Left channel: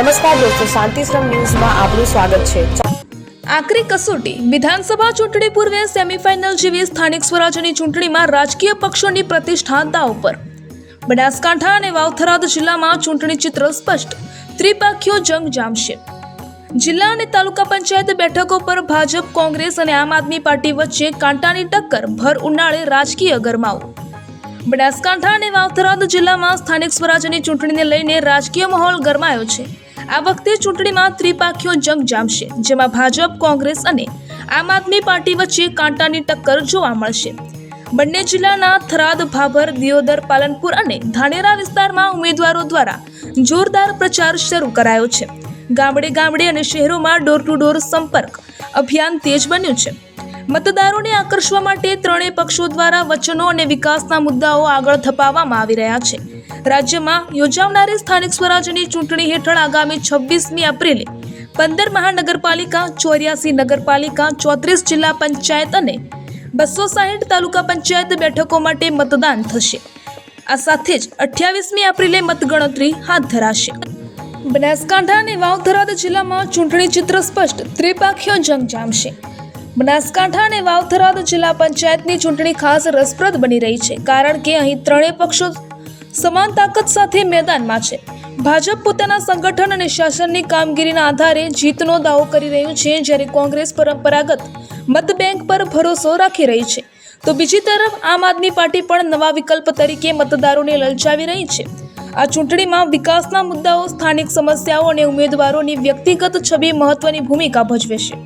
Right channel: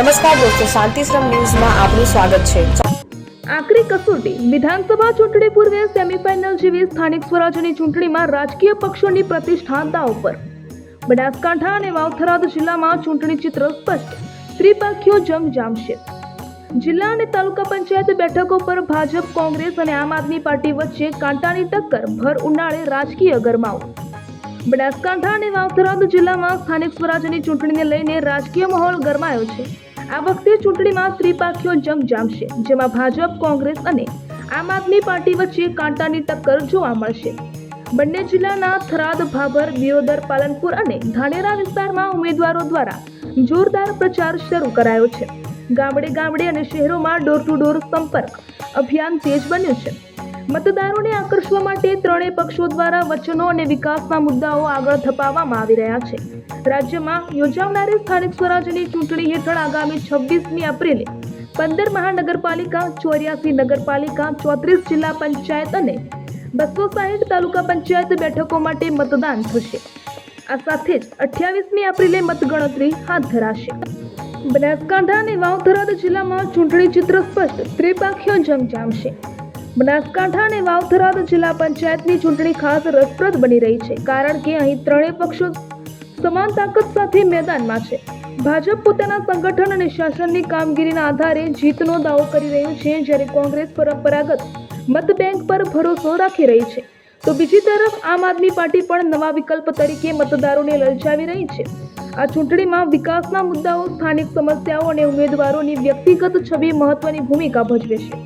નમસ્કાર દોસ્તો, શાંતિશ્રમ ન્યૂઝમાં આપનું સ્વાગત છે। આકરી કસોટી વિધાનસભા ચૂંટણી પૂર્વે સેમીફાઇનલ જેવી સ્થાનિક સ્વરાજ્યની ચૂંટણીમાં રાજકીય પક્ષોની પ્રતિષ્ઠા દાવ પર। બનાસકાંઠા અને વાવથરાદ જિલ્લામાં ચૂંટણી ચિત્ર સ્પષ્ટ, ત્રિપાખીયો જંગ જામશે। જિલ્લા અને તાલુકા પંચાયત બેઠકો પર ભાજપ, કોંગ્રેસ અને આમ આદમી પાર્ટી વચ્ચે કાંટાની ટક્કર, ભર ઉનાળે રાજકીય ગરમાવો। બનાસકાંઠા અને વાવથરાદ જિલ્લામાં સ્થાનિક સ્વરાજ્યની ચૂંટણીને લઈને રાજકીય માહોલ ગરમાયો છે। આ વખતે ચૂંટણીમાં ત્રિપાખીયો જંગ જામશે, જેમાં ભાજપ, કોંગ્રેસ અને આમ આદમી પાર્ટી વચ્ચે કાંટાની ટક્કર જોવા મળશે। બંને જિલ્લાના થરાદ, ભાભર, દિયોદર, પાલનપુર અને ધાનેરા વિસ્તારમાં ઉમેદવારો દ્વારા જોરદાર પ્રચાર શરૂ કરાયો છે। ગામડે ગામડે અને શહેરોમાં ડોર ટુ ડોર સંપર્ક અભિયાન તેજ બન્યું છે। મતદારોને આકર્ષવા માટે ત્રણેય પક્ષો દ્વારા વચનો અને વિકાસના મુદ્દાઓ આગળ ધપાવવામાં આવી રહ્યા છે। રાજ્યમાં યોજાનારી સ્થાનિક સ્વરાજ્યની ચૂંટણી હેઠળ આગામી 26મી એપ્રિલે 15 મહાનગરપાલિકા, 84 નગરપાલિકા, 34 જિલ્લા પંચાયત અને 260 તાલુકા પંચાયત બેઠકો માટે મતદાન થશે। આ સાથે જ 28મી એપ્રિલે મતગણતરી હાથ ધરાશે। બનાસકાંઠા અને વાવથરાદ જિલ્લામાં ચૂંટણી ચિત્ર સ્પષ્ટ, ત્રિપાખીયો જંગ જામશે। બનાસકાંઠા અને વાવથરાદ જિલ્લા પંચાયતની ચૂંટણી ખાસ રસપ્રદ બની રહી છે, કારણ કે અહીં ત્રણેય પક્ષો સમાન તાકાત સાથે મેદાનમાં છે। ભાજપ પોતાના સંગઠન અને શાસનની કામગીરીના આધારે જીતનો દાવો કરી રહ્યું છે, જ્યારે કોંગ્રેસ પરંપરાગત મત બેંક પર ભરોસો રાખી રહી છે, તો બીજી તરફ આમ આદમી પાર્ટી પણ નવા વિકલ્પ તરીકે મતદારોને લલચાવી રહી છે। આ ચૂંટણીમાં વિકાસના મુદ્દાઓ, સ્થાનિક સમસ્યાઓ અને ઉમેદવારોની વ્યક્તિગત છબી મહત્વની ભૂમિકા ભજવે છે।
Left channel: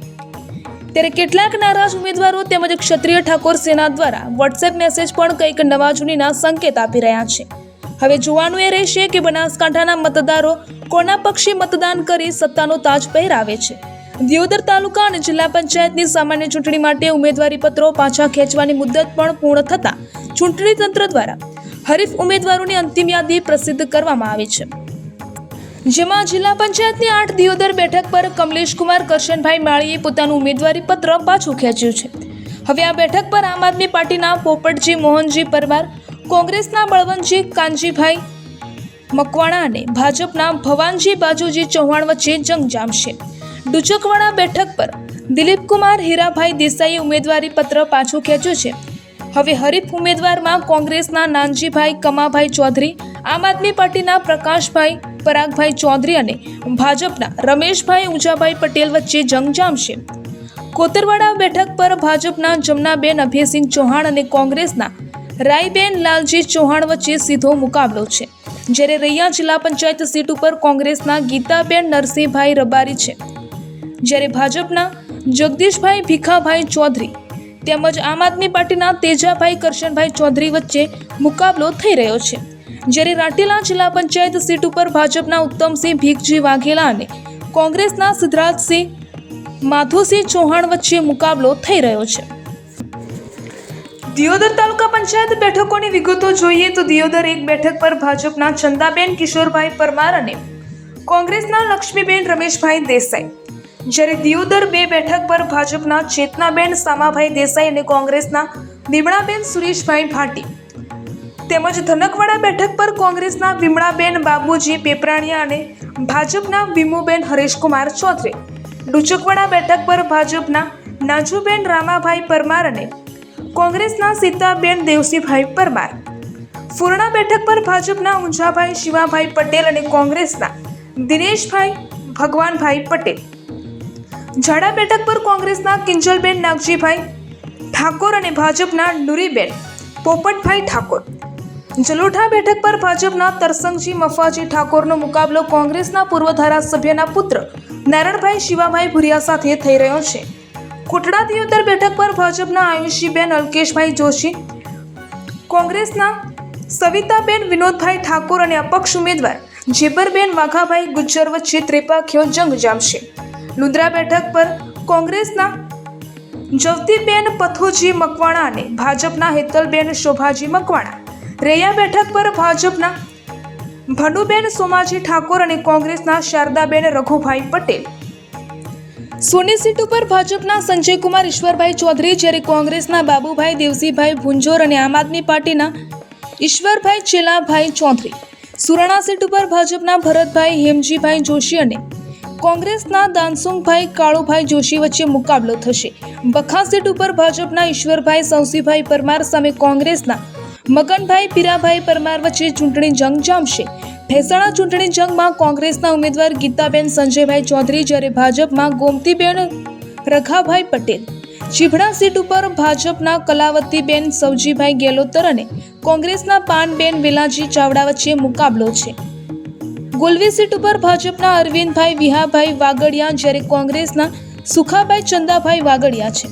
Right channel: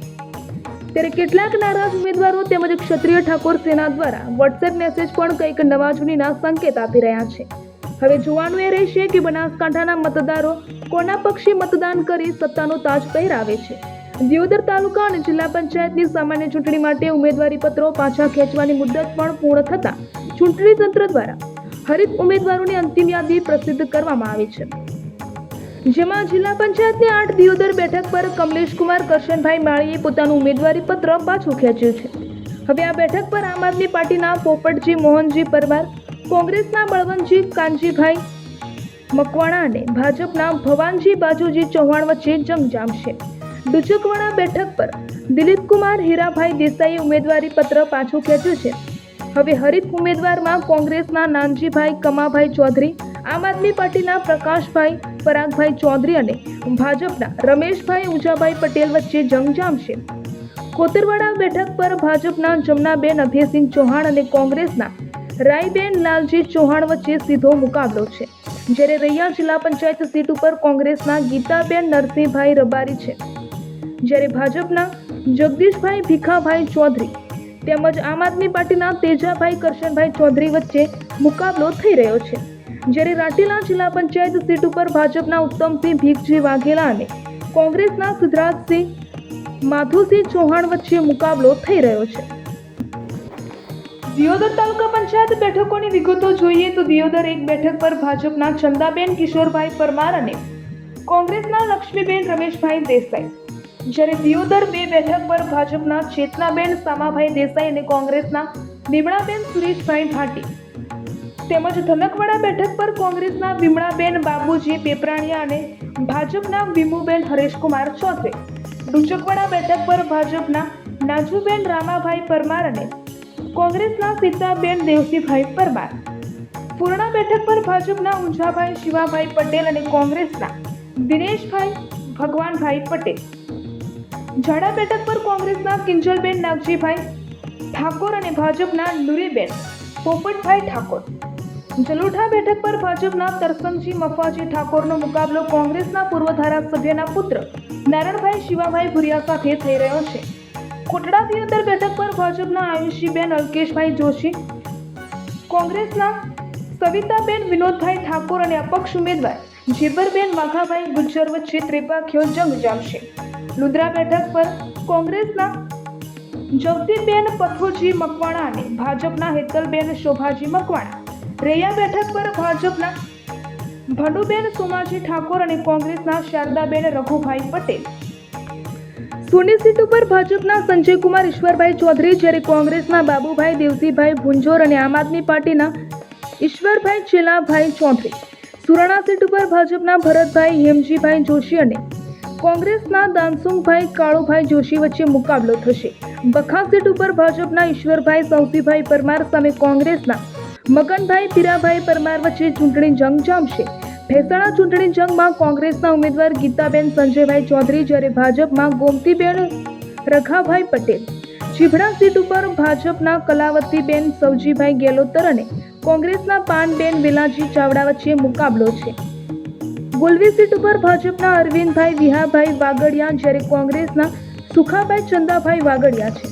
ત્યારે કેટલાક નારાજ ઉમેદવારો તેમજ ક્ષત્રિય ઠાકોર સેના દ્વારા વોટ્સએપ મેસેજ પણ કંઈક નવા જૂનીના સંકેત આપી રહ્યા છે। હવે જોવાનું એ રહેશે કે બનાસકાંઠાના મતદારો કોના પક્ષે મતદાન કરી સત્તાનો તાજ પહેરાવે છે। દિયોદર તાલુકા અને જિલ્લા પંચાયતની સામાન્ય ચૂંટણી માટે ઉમેદવારી પત્રો પાછા ખેંચવાની મુદત પણ પૂર્ણ થતાં ચૂંટણી તંત્ર દ્વારા હરીફ ઉમેદવારોની અંતિમ યાદી પ્રસિદ્ધ કરવામાં આવી છે, જેમાં જિલ્લા પંચાયતની 8 દિયોદર બેઠક પર કમલેશકુમાર કરશનભાઈ માળીએ પોતાનું ઉમેદવારી પત્ર પાછું ખેંચ્યું છે। હવે આ બેઠક પર આમ આદમી પાર્ટીના પોપટજી મોહનજી પરમાર, કોંગ્રેસના બળવંતજી કાનજીભાઈ મકવાણા અને ભાજપના ભવાનજી બાજુજી ચૌહાણ વચ્ચે જંગ જામશે। ડુચકવાડા બેઠક પર દિલીપકુમાર હીરાભાઈ દેસાઈએ ઉમેદવારી પત્ર પાછું ખેંચ્યું છે। હવે હરીફ ઉમેદવારમાં કોંગ્રેસના નાનજીભાઈ કમાભાઈ ચૌધરી, આમ આદમી પાર્ટીના પ્રકાશભાઈ પરાગભાઈ ચૌધરી અને ભાજપના રમેશભાઈ ઉજાભાઈ પટેલ વચ્ચે જંગ જામશે। કોતરવાડા બેઠક પર ભાજપના જમનાબેન અભયસિંહ ચૌહાણ અને કોંગ્રેસના રાયબેન લાલજી ચૌહાણ વચ્ચે સીધો મુકાબલો છે, જ્યારે રૈયા જિલ્લા પંચાયત સીટ ઉપર કોંગ્રેસના ગીતાબેન નરસિંહભાઈ રબારી છે, જ્યારે ભાજપના જગદીશભાઈ ભીખાભાઈ ચૌધરી તેમજ આમ આદમી પાર્ટીના તેજાભાઈ કરશનભાઈ ચૌધરી વચ્ચે મુકાબલો થઈ રહ્યો છે, જ્યારે રાટેલા જિલ્લા પંચાયત સીટ ઉપર ભાજપના ઉત્તમસિંહ ભીખજી વાઘેલા અને કોંગ્રેસના સિદ્ધરાજસિંહ માધુસિંહ ચૌહાણ વચ્ચે મુકાબલો થઈ રહ્યો છે। દિયોદર તાલુકા પંચાયત બેઠકોની વિગતો જોઈએ તો દિયોદર 1 બેઠક પર ભાજપના ચંદાબેન કિશોરભાઈ પરમાર અને કોંગ્રેસના લક્ષ્મીબેન રમેશભાઈ દેસાઈ, જ્યારે દિયોદર 2 બેઠક પર ભાજપના ચેતનાબેન સામાભાઈ દેસાઈ અને કોંગ્રેસના વિમળાબેન સુરેશભાઈ ભાટી, તેમજ ધનકવાડા બેઠક પર કોંગ્રેસના વિમળાબેન બાબુજી પેપરાણિયા અને ભાજપના વિમુબેન હરેશકુમાર ચૌધરી, ડુચકવાડા બેઠક પર ભાજપના નાજુબેન રામાભાઈ પરમાર અને કોંગ્રેસના સીતાબેન દેવસીભાઈ પરમાર, ફુરણા બેઠક પર ભાજપના ઊંઝાભાઈ શિવાભાઈ પટેલ અને કોંગ્રેસના દિનેશભાઈ ભગવાનભાઈ પટેલ, ઝાડા બેઠક પર કોંગ્રેસના કિંજલબેન નાગજીભાઈ ઠાકોર અને ભાજપના નુરીબેન પોપટભાઈ ઠાકોર, જલોઠા બેઠક પર ભાજપના તરસંગજી મફાજી ઠાકોરનો મુકાબલો કોંગ્રેસના પૂર્વ ધારાસભ્યના પુત્ર નારણભાઈ શિવાભાઈ ભુરિયા સાથે થઈ રહ્યો છે। કોટડા દિયોદર બેઠક પર ભાજપના આયુષીબેન અલ્કેશભાઈ જોશી, કોંગ્રેસના સવિતાબેન વિનોદભાઈ ઠાકોર અને અપક્ષ ઉમેદવાર જેબરબેન વાઘાભાઈ ગુજ્જર વચ્ચે ત્રિપાખીયો જંગ જામશે। લુંદ્રા બેઠક પર કોંગ્રેસના જવતીબેન પથોજી મકવાણા અને ભાજપના હેતલબેન શોભાજી મકવાણા, રૈયા બેઠક પર ભાજપના ભનુબેન સોમાજી ઠાકોર અને કોંગ્રેસના શારદાબેન રઘુભાઈ પટેલ, સોની સીટ ઉપર ભાજપના સંજયકુમાર ઈશ્વરભાઈ ચૌધરી, જ્યારે કોંગ્રેસના બાબુભાઈ દેવસીભાઈ ભુંજોર અને આમ આદમી પાર્ટીના ઈશ્વરભાઈ ચેલાભાઈ ચૌધરી, સુરાણા સીટ ઉપર ભાજપના ભરતભાઈ હેમજીભાઈ જોશી અને કોંગ્રેસના દાનસુંગભાઈ કાળુભાઈ જોશી વચ્ચે મુકાબલો થશે. બખા સીટ ઉપર ભાજપના ઈશ્વરભાઈ સૌસીભાઈ પરમાર સામે કોંગ્રેસના મગનભાઈ પીરાભાઈ પરમાર વચ્ચે ચૂંટણી જંગ જામશે. ભેસાણા ચૂંટણી જંગમાં કોંગ્રેસના ઉમેદવાર ગીતાબેન સંજયભાઈ ચૌધરી જ્યારે ભાજપમાં ગોમતીબેન રઘાભાઈ પટેલ. ચીભડા સીટ ઉપર ભાજપના કલાવતીબેન સવજીભાઈ ગેલોતર અને કોંગ્રેસના પાનબેન વેલાજી ચાવડા વચ્ચે મુકાબલો છે. ગુલવી સીટ ઉપર ભાજપના અરવિંદભાઈ વિહાભાઈ વાગડિયા જ્યારે કોંગ્રેસના સુખાભાઈ ચંદાભાઈ વાગડિયા છે.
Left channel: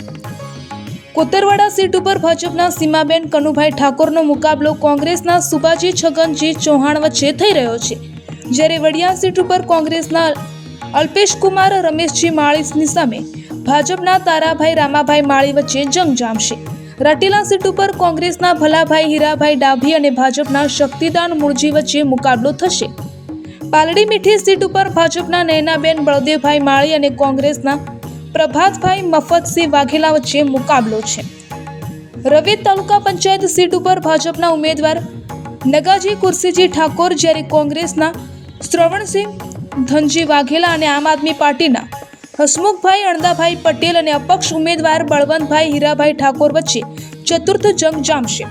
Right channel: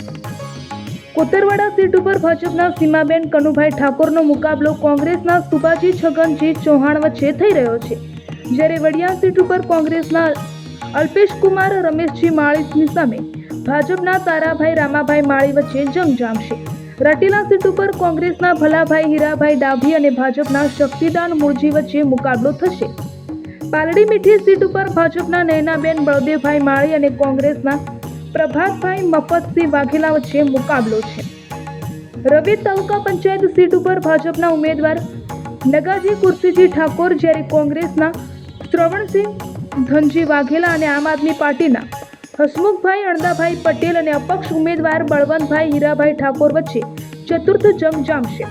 કોતરવાડા સીટ ઉપર ભાજપના સીમાબેન કનુભાઈ ઠાકોરનો મુકાબલો કોંગ્રેસના સુબાજી છગનજી ચૌહાણ વચ્ચે થઈ રહ્યો છે. જ્યારે વડિયા સીટ ઉપર કોંગ્રેસના અલ્પેશકુમાર રમેશજી માળીની સામે ભાજપના તારાભાઈ રામાભાઈ માળી વચ્ચે જંગ જામશે. રટીલા સીટ ઉપર કોંગ્રેસના ભલાભાઈ હીરાભાઈ ડાભી અને ભાજપના શક્તિદાન મુળજી વચ્ચે મુકાબલો થશે. પાલડી મીઠી સીટ ઉપર ભાજપના નયનાબેન બળદેવભાઈ માળી અને કોંગ્રેસના પ્રભાતભાઈ મફતસિંહ વાઘેલા વચ્ચે મુકાબલો છે. રવેદ તાલુકા પંચાયત સીટ ઉપર ભાજપના ઉમેદવાર નગાજી કુરસીજી ઠાકોર જ્યારે કોંગ્રેસના શ્રવણસિંહ ધનજી વાઘેલા અને આમ આદમી પાર્ટીના હસમુખભાઈ અણદાભાઈ પટેલ અને અપક્ષ ઉમેદવાર બળવંતભાઈ હીરાભાઈ ઠાકોર વચ્ચે ચતુર્થ જંગ જામશે.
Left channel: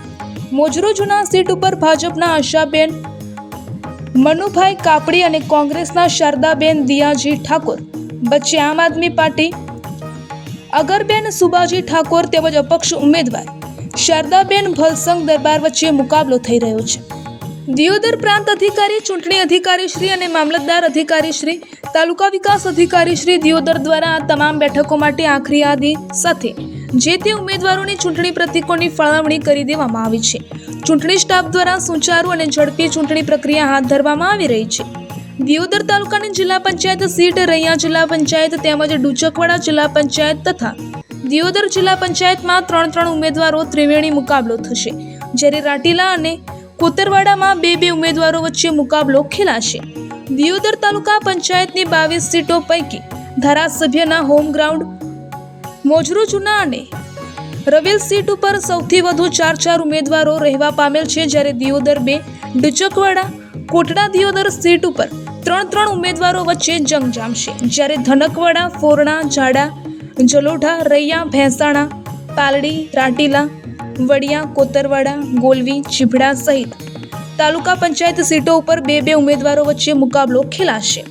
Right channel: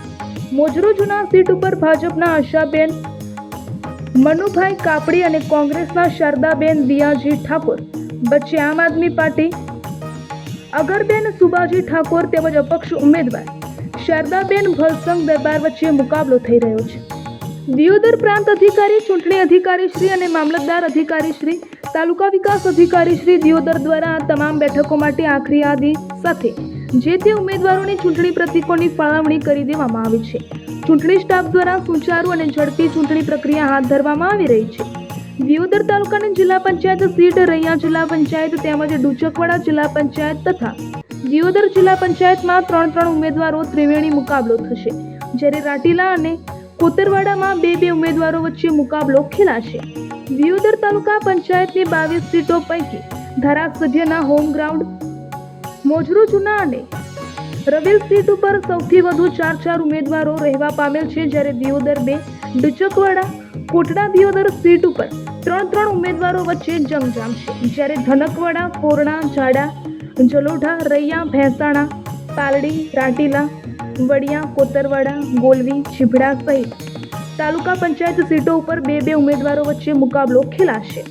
મોજરો જૂના સીટ ઉપર ભાજપના આશાબેન મનુભાઈ કાપડી અને કોંગ્રેસના શારદાબેન દિયાજી ઠાકોર વચ્ચે આમ આદમી પાર્ટી અગરબેન સુબાજી ઠાકોર તેમજ અપક્ષ ઉમેદવાર શારદાબેન ભલસંગ દરબાર વચ્ચે મુકાબલો થઈ રહ્યો છે. દિયોદર પ્રાંત અધિકારી, ચૂંટણી અધિકારી શ્રી અને મામલતદાર અધિકારી શ્રી, તાલુકા વિકાસ અધિકારી શ્રી દિયોદર દ્વારા આ તમામ બેઠકો માટે આખરી યાદી સાથે જે તે ઉમેદવારોની ચૂંટણી પ્રતિકોની ફાળવણી કરી દેવામાં આવી છે. ચૂંટણી સ્ટાફ દ્વારા સુચારુ અને ઝડપી ચૂંટણી પ્રક્રિયા હાથ ધરવામાં આવી રહી છે. દિયોદર તાલુકાની જિલ્લા પંચાયત સીટ, રૈયા જિલ્લા પંચાયત તેમજ ડુચકવાડા જિલ્લા પંચાયત તથા દિયોદર જિલ્લા પંચાયતમાં 3 ઉમેદવારો ત્રિવેણી મુકાબલો થશે. જ્યારે રાટીલા અને કોતરવાડામાં 2 ઉમેદવારો વચ્ચે મુકાબલો ખેલાશે. દિયોદર તાલુકા પંચાયતની 22 સીટો પૈકી ધારાસભ્યના હોમ ગ્રાઉન્ડ મોજરો જૂના અને રવેલ સીટ ઉપર સૌથી વધુ 4 ઉમેદવારો રહેવા પામેલ છે. જ્યારે દિયોદર 2, ડુચકવાડા, કોટડા દિયોદર સીટ ઉપર 3 ઉમેદવારો વચ્ચે જંગ જામશે. જ્યારે ધનકવાડા, ફોરણા, ઝાડા, જલોઢા, રૈયા, ભેંસાણા, પાલડી, રાટીલા, વડિયા, કોતરવાડા, ગોલવી, ચીભડા સહિત તાલુકા પંચાયત સીટો ઉપર 2 ઉમેદવારો વચ્ચે મુકાબલો ખેલાશે.